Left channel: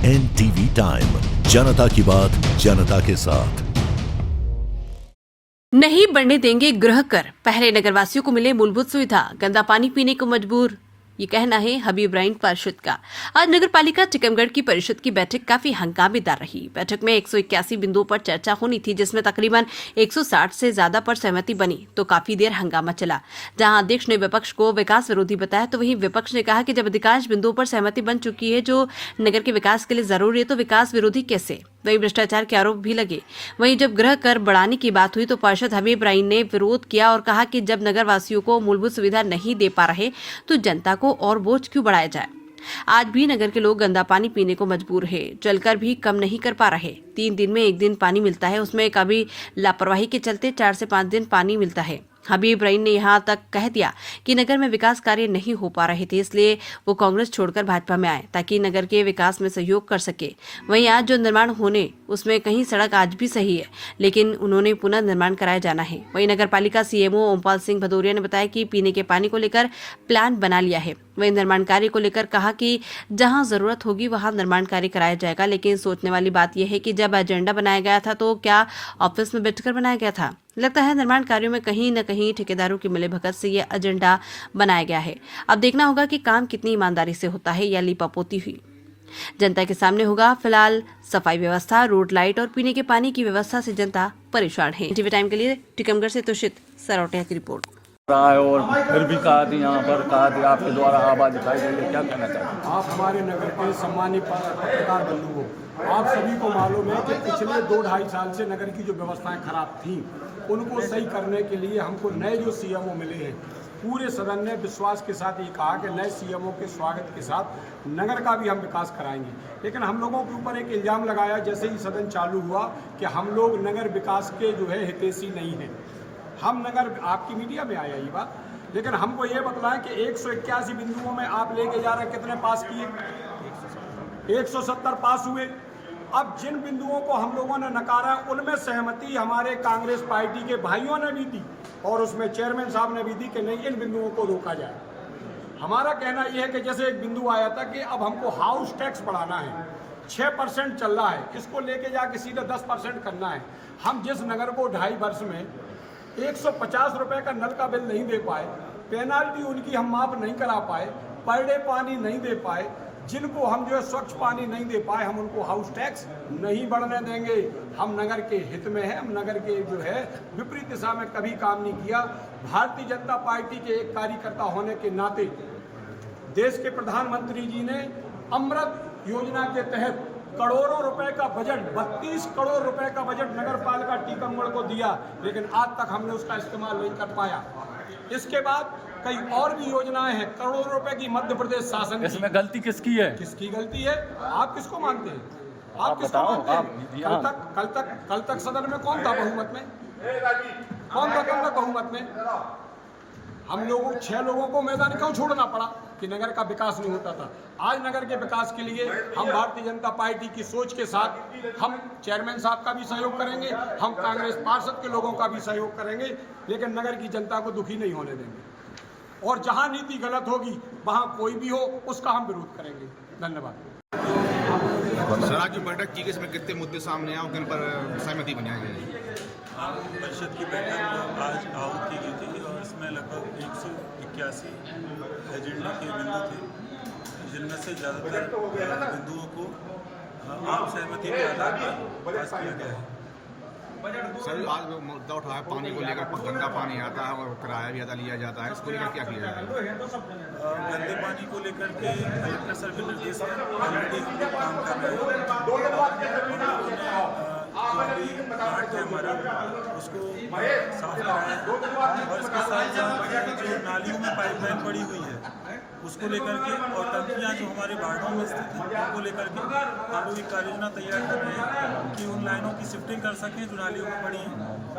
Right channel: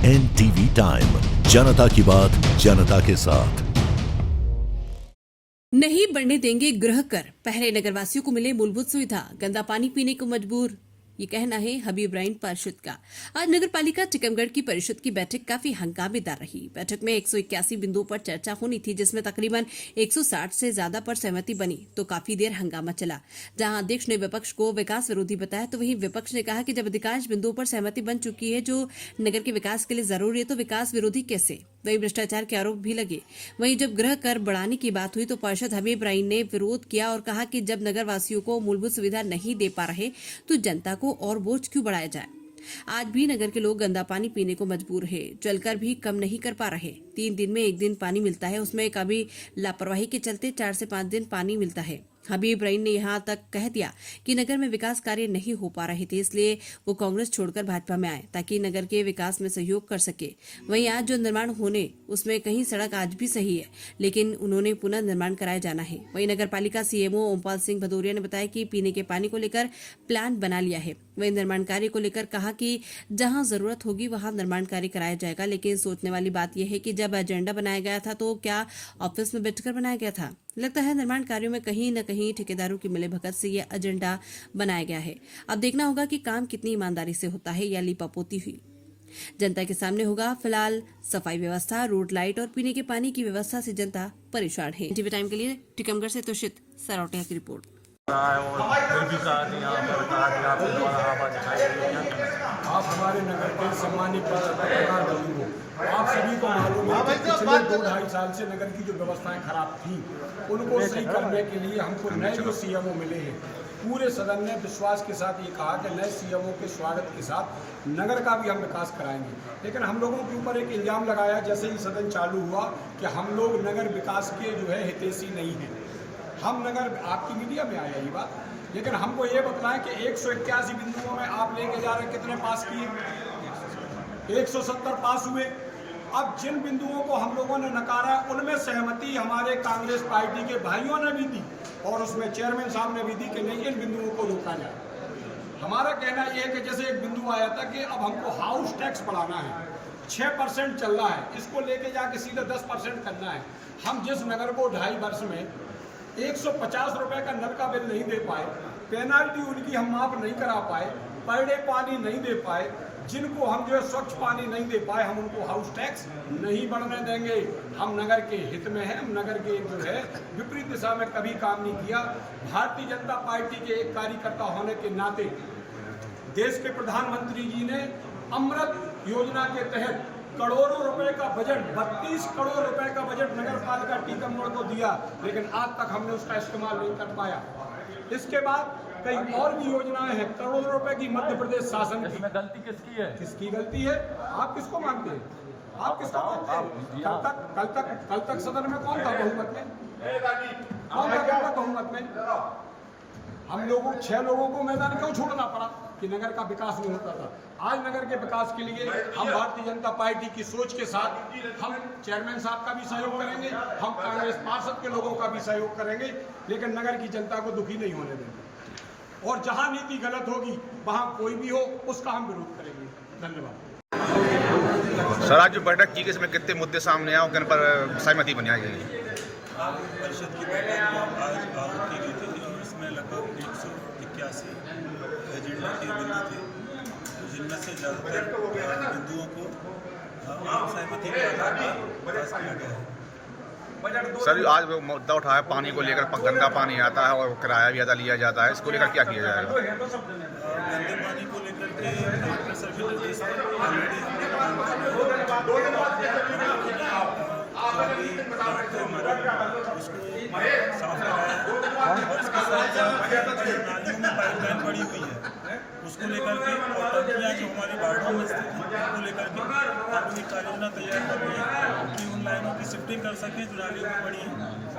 NTV time, जनता की बात जनता के साथ। नहीं बढ़ने देंगे गृह कर, पहले नगरवासियों को मिले मूलभूत सुविधा, गंदा पानी पीने को मजबूर। ये कहना है हबीब राइन पार्षद का। आज नगरपालिका टीकमगढ़ की परिषद की बैठक काफी हंगामेदार रही। बैठक में 181 बिंदुओं पर चर्चा होनी थी, जिसमें तकरीबन 160 से ज्यादा पर सहमति बनी, तो काफी देर हंगामा चला। जहां अध्यक्ष ने विपक्ष को विकास विरोधी बताया, तो वहीं विपक्ष ने कहा कि जब अधिकांश बिंदुओं पर सहमति बन चुकी है जो नगर के विकास के लिए जरूरी है, तो विकास विरोधी कैसे। वहीं भ्रष्टाचार के आरोप भी लगे। वहीं जब गृह कर बढ़ाने की बात हुई तो पार्षद हबीब राइन ने विरोध किया और कहा कि जब नगर वासियों को मूलभूत सुविधा नहीं दे पा रहे तो जनता को और बोझ क्यों बढ़ाया जाए। आज भी नगर के लोग गंदा पानी पीने को मजबूर है, जलकर भी कम नहीं कर पा रहे। 3 दिन में 1 दिन पानी मिलता है, उसमें कभी लापरवाही के चलते 4 से 5 दिन पानी मिलता है। हबीब राइन ने यहां तक कह दिया कि नगर में विकास कार्य नहीं हो पा रहे थे, इसलिए वो कांग्रेस छोड़कर भाजपा में आए ताकि नगर के विकास में सहयोग कर सके। वहीं आज जो निर्माण होने उसमें कहीं सड़क आज भी सही है, लेकिन उन्होंने पुनः निर्माण कराया जाना है। वहीं नगरपालिका सीएमओ ओमपाल सिंह भदौरिया ने बताया कि पीने के पानी को लेकर प्लान बना लिया है। वहीं निर्माण कार्य को लेकर कहा कि जहां जरूरत होगी वहां निर्माण कार्य कराया जाएगा, लेकिन सोचने वाली बात यह है कि जब एजेंडा बनाया गया था तो क्या ऑफिस में बैठकर बनाया गया था। लगता है निर्माण कार्यों में कहीं न कहीं ठेकेदारों की मिलीभगत से यह एजेंडा बनाया गया है। अब देखना होगा कि काम कितनी ईमानदारी से होता है या लिपापोती हुई जनता के सामने होगा। फिलहाल सफाई व्यवस्था, रोड लाइट और पीने के पानी की व्यवस्था से जनता परेशान है। टीवी टाइम के लिए टीकमगढ़ से तुषित सरौटिया की रिपोर्ट। और फिर भी कहा थी यहाँ पर आपके द्वारा आवाज उठाई गई, क्या कहना चाहिए? आप हमारे नगर के सम्मानित पत्रकार बंधु हो, आप सभी को मालूम है कि पिछले 2-2.5 साल से नगर की जो व्यवस्थाएं खराब थीं उनको सही करने के लिए हमको नए जो सीएमओ मिले हैं, पूरे सदन ने विश्वास के साथ ये कहा कि नए सीएमओ के स्वागत के साथ नगर का भी हम विकास कराएंगे। लेकिन हम लोगों के ऊपर एक इल्ज़ाम लगाया जैसे ही सदन चालू हुआ कि हम लोग नगर विकास के जो है हितैषी नहीं हैं। हम नगर, आपकी मीडिया में आया ये बात, लेकिन हमको ये बतलाएं कि 181 बिंदुओं में आप लेके जा रहे हैं, कितने पास किए? 170 पास हुए। अब जिन बिंदुओं को हम लोगों ने नकारा उनमें सहमति हमारे कांग्रेस पार्टी के भाइयों ने भी दी और उसमें चेयरमैन साहब ने भी दी कि नहीं, इन बिंदुओं को रोका जाए। हमारा कहना यह है कि जैसे एक बिंदु आया था कि अब हमको हाउस टैक्स बढ़ाना है, 6% चल रहा है, इसको लेके जाके सीधे 10% करना है। हम जिस नगर को 2.5 वर्ष में 150 रुपये का नल का बिल नहीं दे पाए, पेनाल्टी उनकी हम माफ नहीं करा पाए, पर डे पानी नहीं दे पाए, जिनको हम जो है स्वच्छ पानी नहीं दे पाए, हम उनको हाउस टैक्स नहीं बढ़ने देंगे। हम नगर के हित में हैं, हम नगर के जो है विपरीत दिशा में कभी काम नहीं किया। भारतीय जनता पार्टी के एक कार्यकर्ता होने के नाते देश के प्रधानमंत्री जी ने अमृत योजना के तहत करोड़ों रुपए का बजट, 32 करोड़ रुपए का बजट नगर पालिका टीकमगढ़ को दिया, लेकिन आज तक हमने उसका इस्तेमाल नहीं कर पाया। इसके बाद कई और भी योजनाएं हैं करोड़ों रुपए की मध्य प्रदेश शासन की। इसमें गलती किसकी है? किसकी गलती है? आप किसको मानते हैं? आप किसको मानते हैं? कल तक सदन में कौन था बहुमत में? कौन था कल तक बहुमत में? हम लोगों 6 लोगों को मैदान क्यों छोड़ना पड़ा कि नगर का विकास नहीं होता था। आज नगर के विकास के लिए हम भारतीय जनता पार्टी की सोच के साथ हम चेयरमैन साहब का भी सहयोग करेंगे, हम कांग्रेस पार्षद के लोगों का भी सहयोग करेंगे, लेकिन नगर की जनता को दुखी नहीं होने देंगे। और जहां नीति गलत होगी वहां कोई भी हो उसका हम विरोध करेंगे। धन्यवाद। सर, आज जो बैठक की गई इसमें कितने मुद्दे सामने आए उन पर सहमति बनाई गई? परिषद की बैठक में आज आहूत की गई थी और इसमें लगभग 181 एजेंडा के बिंदु थे, जिनमें से ज़्यादातर बिंदुओं को आम सहमति के आधार पर पास किया गया है। सर, आज वो मुद्दा उठाया पानी को लेकर, गंदा पानी आता है और किराया भी ज़्यादा लिया जाता है, इसको लेकर क्या किया जाएगा? गंदे पानी को लेकर के कलेक्टर सर के निर्देश पर ऑलरेडी हम लोग काम कर रहे हैं। जो अभी प्लांट है हमारा उसको साफ कराया है और इसके साथ साथ जो नालियों में पाइपलाइन पड़ी हुई है उसको लेकर के और टंकियाँ जो हमारे वार्डों में स्थित हैं उनको लेकर के हम लोग एक कार्ययोजना तैयार कर रहे हैं कि उन लाइनों की शिफ्टिंग कर सकें जो नालियों में पड़ी हैं,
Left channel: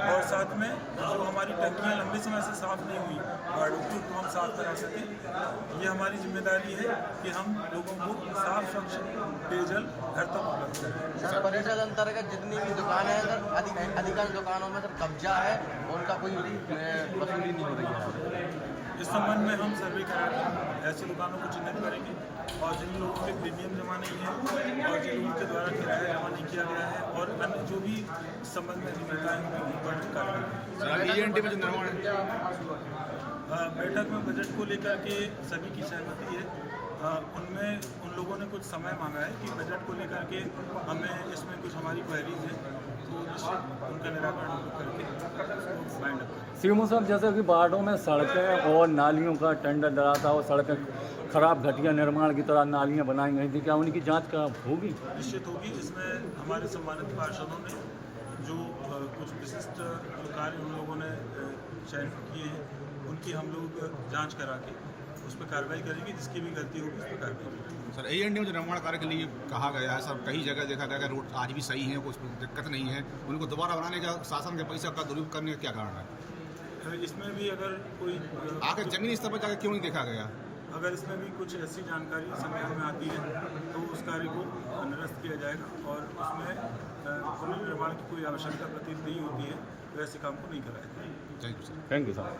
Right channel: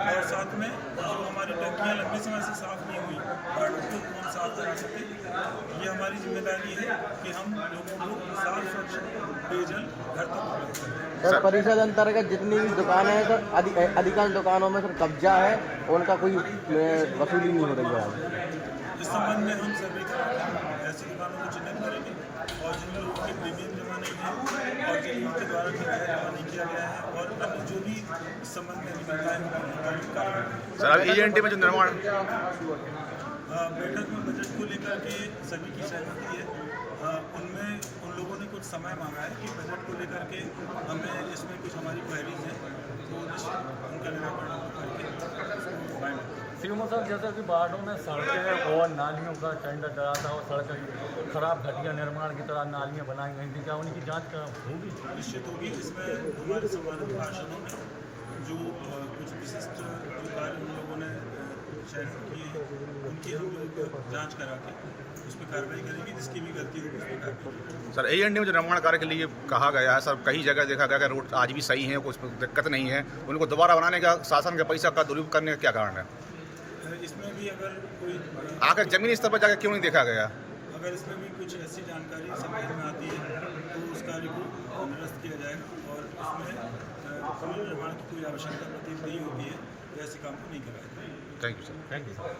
और साथ में जो हमारी टंकियाँ लंबे समय से साफ़ नहीं हुई वार्डों को तो हम साफ करा सकें। ये हमारी जिम्मेदारी है कि हम लोगों को साफ स्वच्छ पेयजल घर तक उपलब्ध करें। सर, परिषद अंतर्गत जितनी भी दुकानें हैं सर, अधिकांश दुकानों में सर कब्जा है और उनका कोई वसूली नहीं हो रही है। इस संबंध में हम सर्वे कराकर ऐसी दुकानों को चिन्हित करेंगे और जिन लोगों के प्रीमियम जमा नहीं है और जिन लोगों के द्वारा किराया जमा नहीं किया गया है और अन्य जो भी इस संबंध में निकलता है उन कार्य सर अब ENT में जो निर्माण बैठक में बजट को लेकर के सभी की सहमति है। उनमें उन लोगों ने कुछ समय मांगा है कि बजट को लेकर के हमें इसमें कुछ हमारी क्वेरीज हैं तो उनका निराकरण हम लोग करके फाइंड अप करें। श्रीमू सर, जैसे कि वार्डों में सड़कें और नालियों का टेंडर डराता और सड़कें खराब घटिया निर्माण की तरह नालियाँ बनाई गई थी, क्या उनकी जांच का होगी? निश्चित होगी। इसमें हमारे सम्मानित पार्षदों ने जो कुछ विशिष्ट जो कार्य उन लोगों ने चयन किए हैं उनकी हम लोग जांच करा के उस पर कार्रवाई करेंगे, जिसकी भी गलती होगी उस पर कार्रवाई करेंगे। सर ENT में जो निर्माण कार्य के लिए कहा गया है सर, कई जगह देखा गया कि रोड आज भी सही है, कुछ दिक्कत नहीं है, उनको दोबारा बनाने का शासन के पैसा का दुरुपयोग करने का क्या कारण है? इसमें भी अगर कोई आखिर जमीनी स्तर पर जाकर क्यों नहीं देखा गया? अगर इसमें भी कुछ ऐसी जानकारी संज्ञान में आती है तो उस कार्य को निरस्त किया जाएगा और उसमें पुनर्निर्माण की कोई आवश्यकता प्रतीत नहीं होती है, वैसे काम को नहीं कराया जाएगा। Thank you sir. Thank you sir.